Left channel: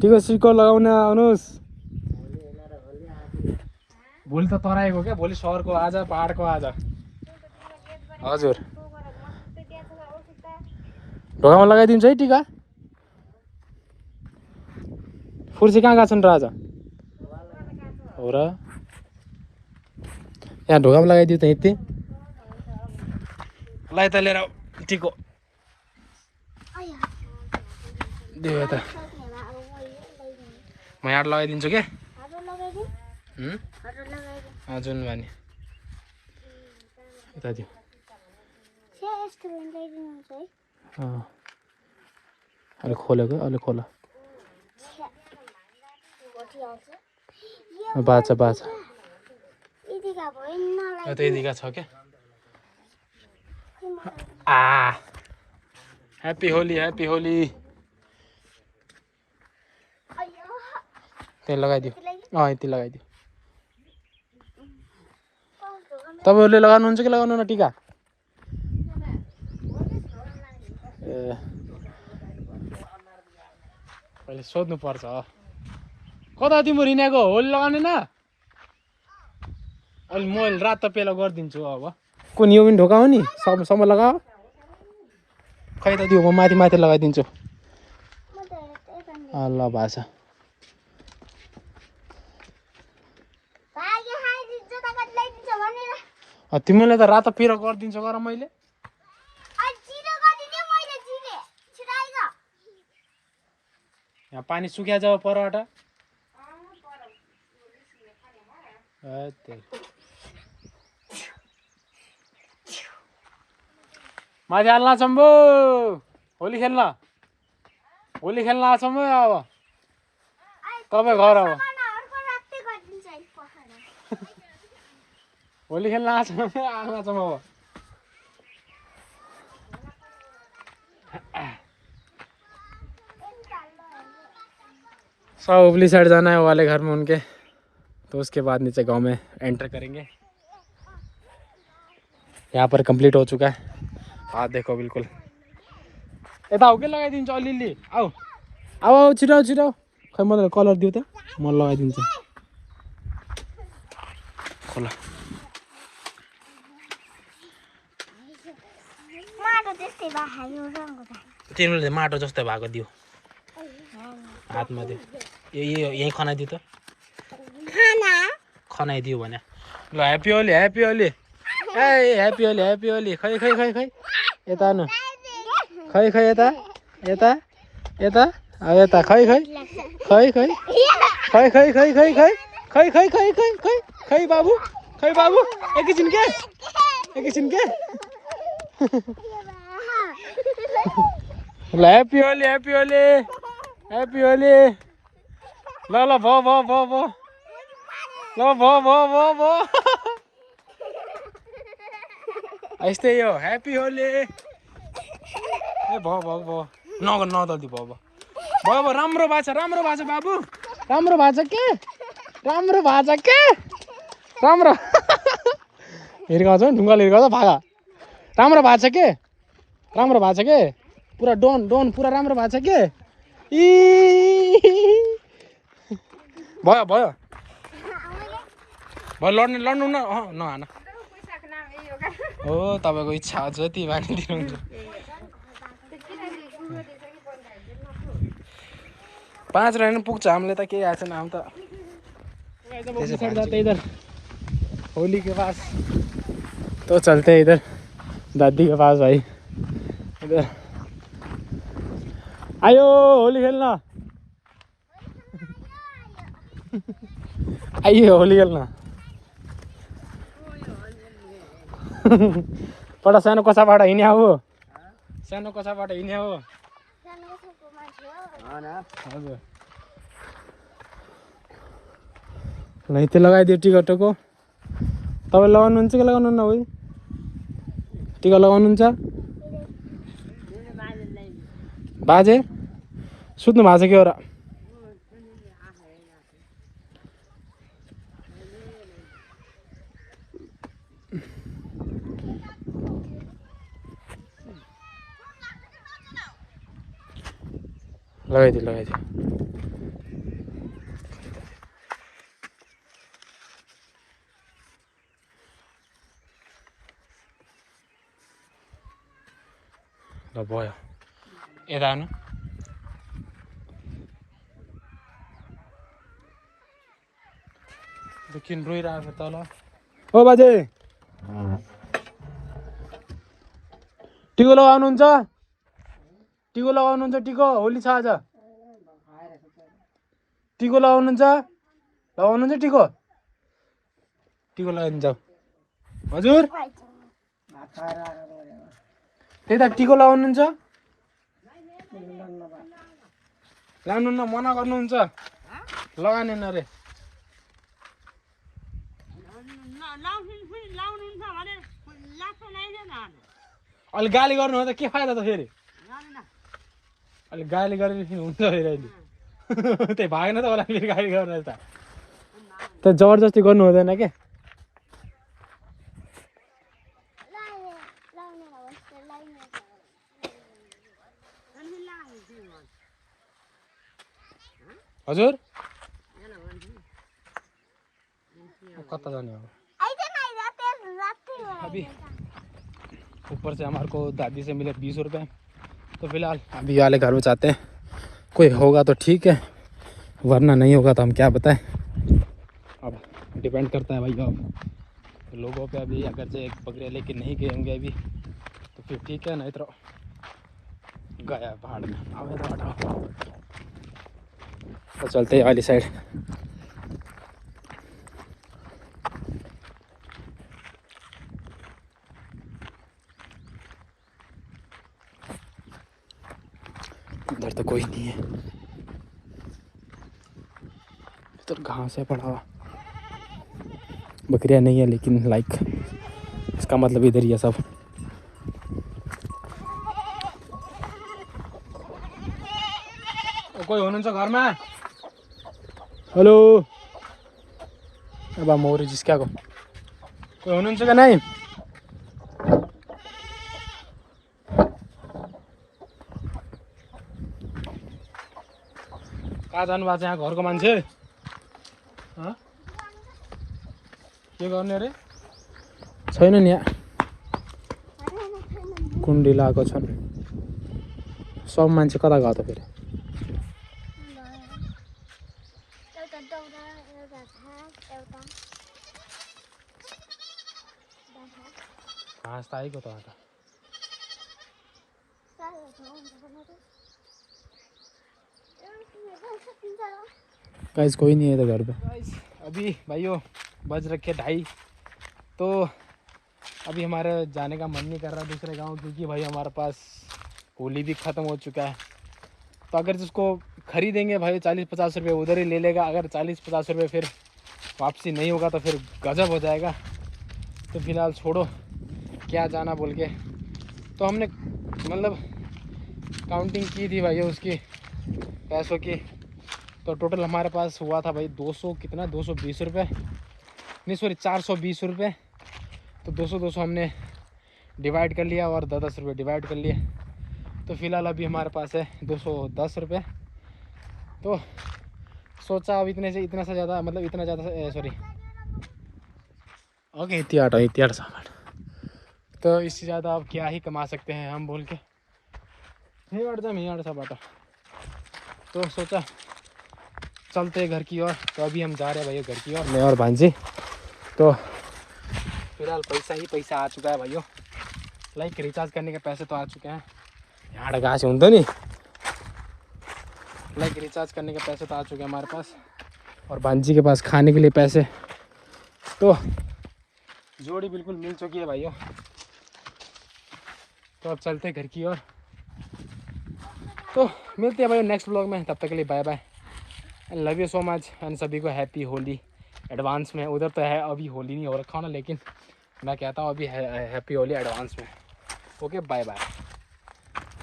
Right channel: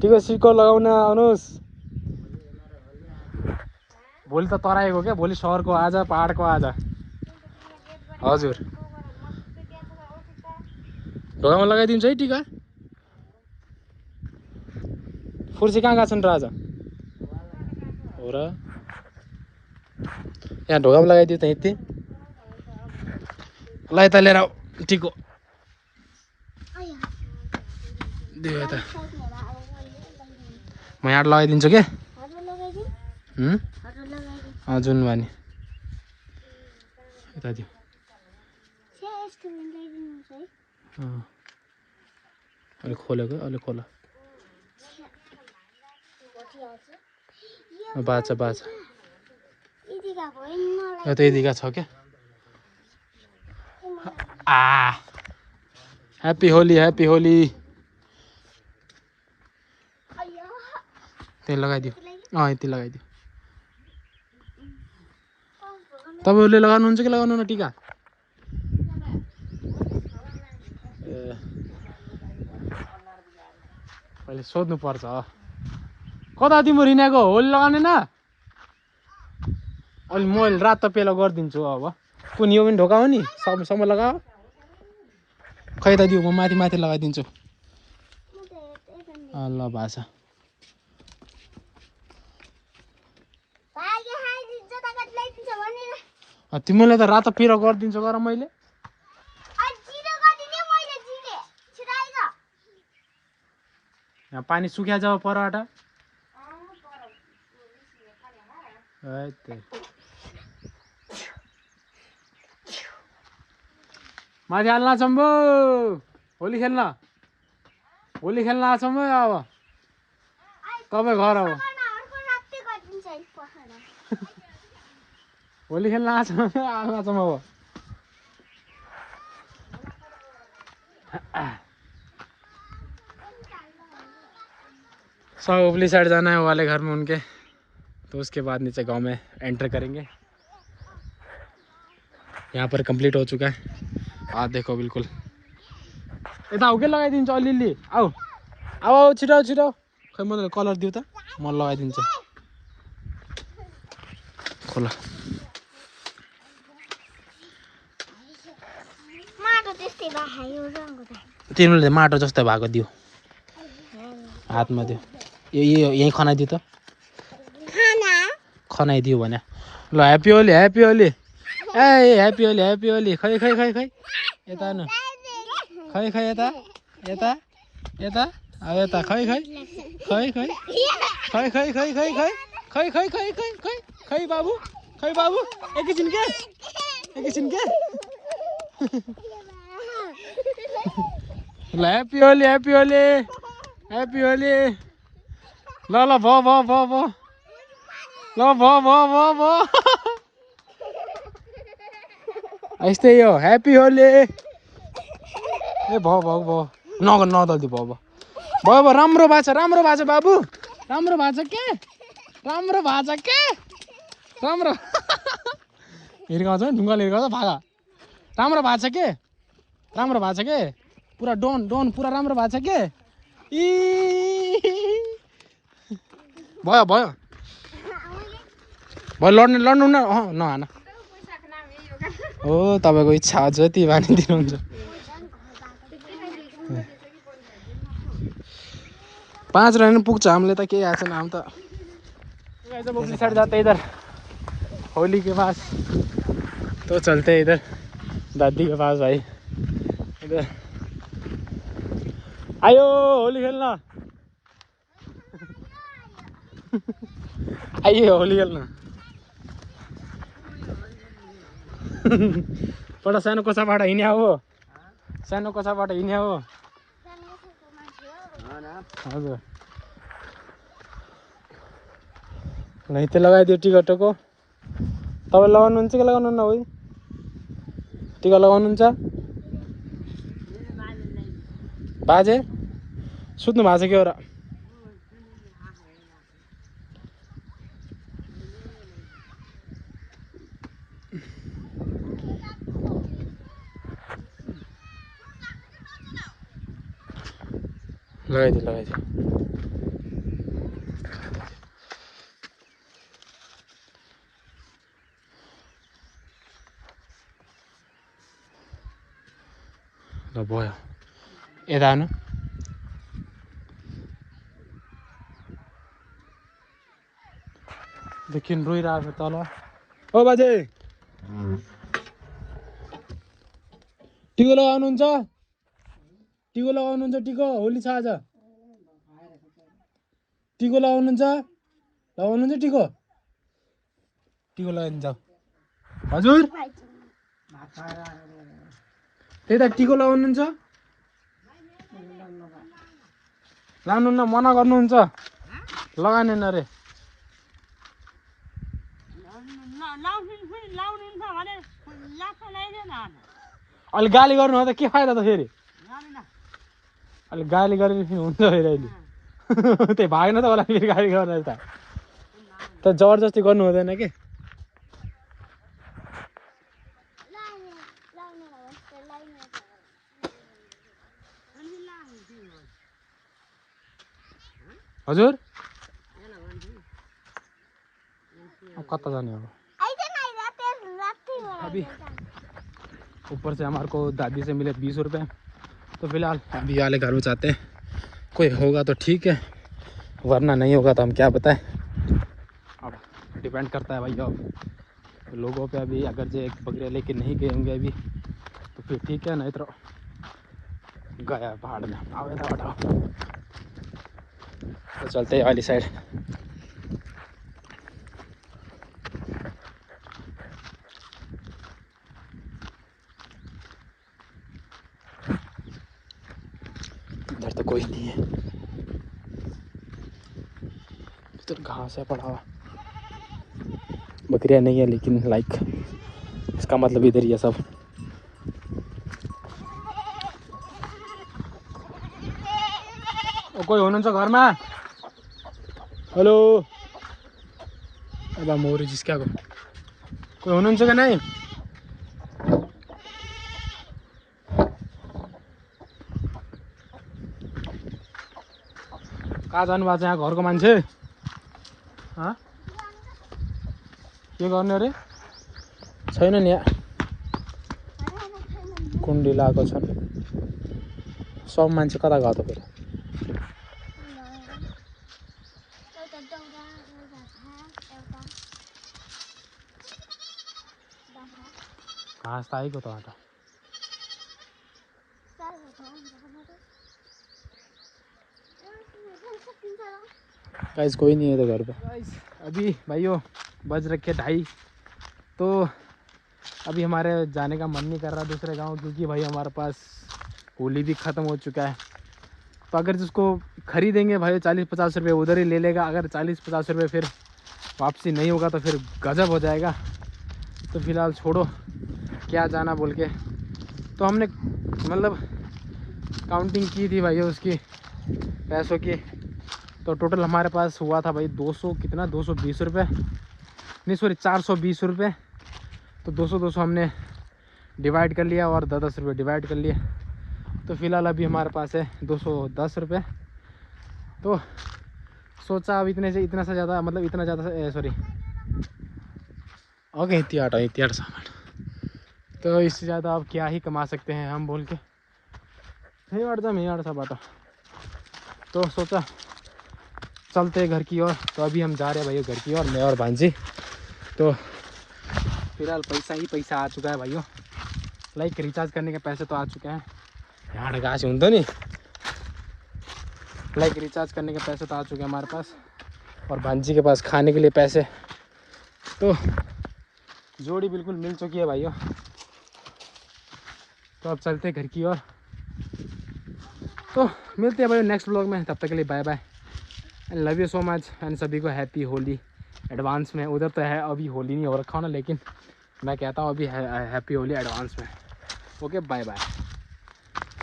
टिको सिको लगाउन आउनुहोस्। भोलि त तराईको क्या, भोलि सहरको आज, पहाडको आज। हजुर ढोकामा लगाइदिन्छ है टिका। फुर्सी कहाँ गएको छन् र आज हो र? यहाँ ढोकामा लगाइदियो त यति। ल यता लिएर आऊ टिको। दियो यता, म यहाँ लगाइदिन्छु के। जुन भने यता दियो। अलि खोलेको, अलि खोल। बाचा बाचा यता यदिका छ क्या। Happy Holi, happy Holi. त्यही लगाइदियो। यति लगाइदियो। तपाईँहरूले लगाउनुहुन्छ कि लगाउनु न टिका? ए पहिले सोध्नु पर्छ। कता तिम्रो रिनाको होली लगाउने न? अलि म रातो पेलो गरिदिन्छु। अब कुन यो पनि ढोका हो नि, सबसम्म लगाऊ। खै त दियो, म माथि माथि लगाइदिन्छु। ल भाषा तिमीलाई त रातो पेलो गरिदिन्छु गर मैले। यहाँ पानी सुक्या जाऊ परबाट। माथि हाल्न चम्बो, होली खेल्न, होली खेल्न आछौँ है। अब तपाईँ घर अब होली खेल्न आछौँ, हाल्न आछौँ अब। सब उपली साइड जाना है वाले घर में उनके, तो उसके बाद नीचे गांव में एंटर करेंगे। यहाँ पर कंप्लीट हो चुका है। हाँ देखो बिल्कुल यता हो के लगाइदिन्छु अलिअलि। आऊ आऊ आऊ छिटो छिटो। खै मलाई कलर दियो त, म लगाइदिन्छु। खोला तिमीले माटो जस्तो भएको दियो, हातमा दियो। यही खनाइदियो त, खनाइदियो भने। ल ह्याप्पी होली, ह्याप्पी होली। ए ह्याप्पी होली, ह्याप्पी होली। खै खै खै खै यता नु, खै खै यता यता यता यता खै खै खै खै खै खै खै खै खै खै खै खै खै खै खै बाबु, खै बाबु। एकैछिन क्या, एकैछिन क्या। ल happy Holi, happy Holi, happy Holi. ल ल भ भ भ भ ल भ भ भ भ यस्तै हो ह्याप्पी होली। ए भ भ भ नगर नदल्दी भ भ भयो भयो। राम्रो भएको छ, राम्रो भएको छ बाबु, राम्रो भएको छ के, राम्रो भएको छ के, राम्रो। हिर्काउँछ ढुङ्गाले हिर्काउँछ भागा। राम्रो भएको छ के, राम्रो भएको छ के, पुरा डोन डोन पुरा राम्रो भएको छ के। भयो भयो भयो। लड्ने लड्नु न, नहान हो। तपाईँको इच्छा हो जति भनिदिनुहुन्छ। 5 रन पुग्छ हामीले त, केही आएको छैन हामी त। साइड जाते इधर होली के पास, तो चलते हैं इधर दादी के पास। भाई इधर आयो होली खेलना। आइए होली खेलना। पढ सानो कसाबाट हिँड्या हो, सानो कसाबाट हिँड्या हो। हजुर ल यति लगाइदियो टिकटको। तपाईँ लगाउनुहुन्छ कि लगाउनु न? भाइ टिका लगाउनुहुन्छ? बाजे सुत्नु भएको छ कि हो र? लगाइदियो ल भयो यता आउनु देखि रोइरहेको छ तल ओ बाजे टिको लगाउनुहुन्छ टिको लगाउनुहुन्छ टिको होली छ आज टिको लगाउनुहुन्छ टिको टिको लगाइदिन्छ हजुर त्यता टिको लगाउनुहुन्छ लानुहुन्न मना गर्नुहुन्छ लगाएन अरे अलि गाली गर्नु हो त के फाइदा त फेरि अलि गाली गरेर हुन्छ फेरि अहिले त्यही भागेन त होला फेरि गाली गर्नु त त्यो जबरजस्ती गर्नु हुँदैन क्या हजुर कता जाने हो अभी ऊपर से हमारे को दादी से मिले 20 रुपये तो फिलहाल अभी वाले घर में चाहते हैं कोई होगा तो ठीक है वरना नहीं होगा तो हम क्या बताएं अब डिपेंड करता है भैया तो लोगों पे अभी अगर जो एक बकरियाँ लेके नहीं गए होंगे अभी तो फिर ठीक है नहीं तो गया पहाड़ में आओ तो चलते हैं वाली साइड इधर तो कोई नहीं है इधर घास है पड़ा बकरियां नहीं है लेकिन लाइक इसका मतलब इधर ही है सब कोई हुनुहुन्छ घरमा हेलो अब मौरी जिस्काको कोही हुनुहुन्छ कि नै कहाँ जानुभएको छ यहाँ घरको मान्छे के गर्ने अरे छैन नि कुण्डी लगाएको छ सब मान्छे कता गयो त फेरि घाँस त आएको त अन्त गाइस कोई नहीं है इधर घर पे गाइस अभी भाइयों बज रखे 2:30 तो अभी हमारे जाने का मन नहीं कर रहा दूसरे गांव क्योंकि भाई हमारे पास होली भी ख़त्म हो चुका है तो अगर जिसको खरीदेंगे भाई 40-50 रुपये उधर ही ले लेगा अगर 40-50 रुपये फिर वापसी नहीं होगा तो फिर गजब हो जाएगा तो फिलहाल छोड़ो क्या जाना बोल के तो हमने मतलब काउंटिंग की थी भाई उसकी पैसों की तो टोटल हमारे पास हुआ था भाई 200 कितना 220 रुपये नहीं सॉरी 420 रुपये तो 200 हमने डिवाइड कर लिया और 10 रुपये डिवाइड कर लिए तो फिलहाल अभी हमारे पास है 210 रुपये तो सोचा अब इतने से इतना सा ज़्यादा मतलब इतना ज़्यादा सॉरी ओके इतना सामान तो इससे ज़्यादा अब क्या ही कमा सकते हैं हम बोल के नहीं था बात तो सोचा चलते घर की ओर तो अभी हम जा रहे हैं भाइयों घर की ओर मैं और भांजी तो फिलहाल पैसा ही पैसा आ चुका है भाइयों लाइक रिचार्ज करने के पैसे तो आ चुके हैं यहाँ कहाँ से तो नहीं लाइक रिचार्ज करने के पैसे तो आ चुके हैं हमारे पास और भांजी के पास खाने के लिए पैसे तो जोड़ी बिल्कुल मिल चुकी है भाइयों तो अब चलते घर की ओर तो मिलते हैं भाई नेक्स्ट व्लॉग में तब तक के लिए bye bye and love you so much and सभी को हैप्पी होली एडवांस में उधर तो है अभी होली नहीं हो रखा हो ना लेकिन मैं कहता हूँ अभी हैप्पी होली एडवांस में ओके बाय बाय।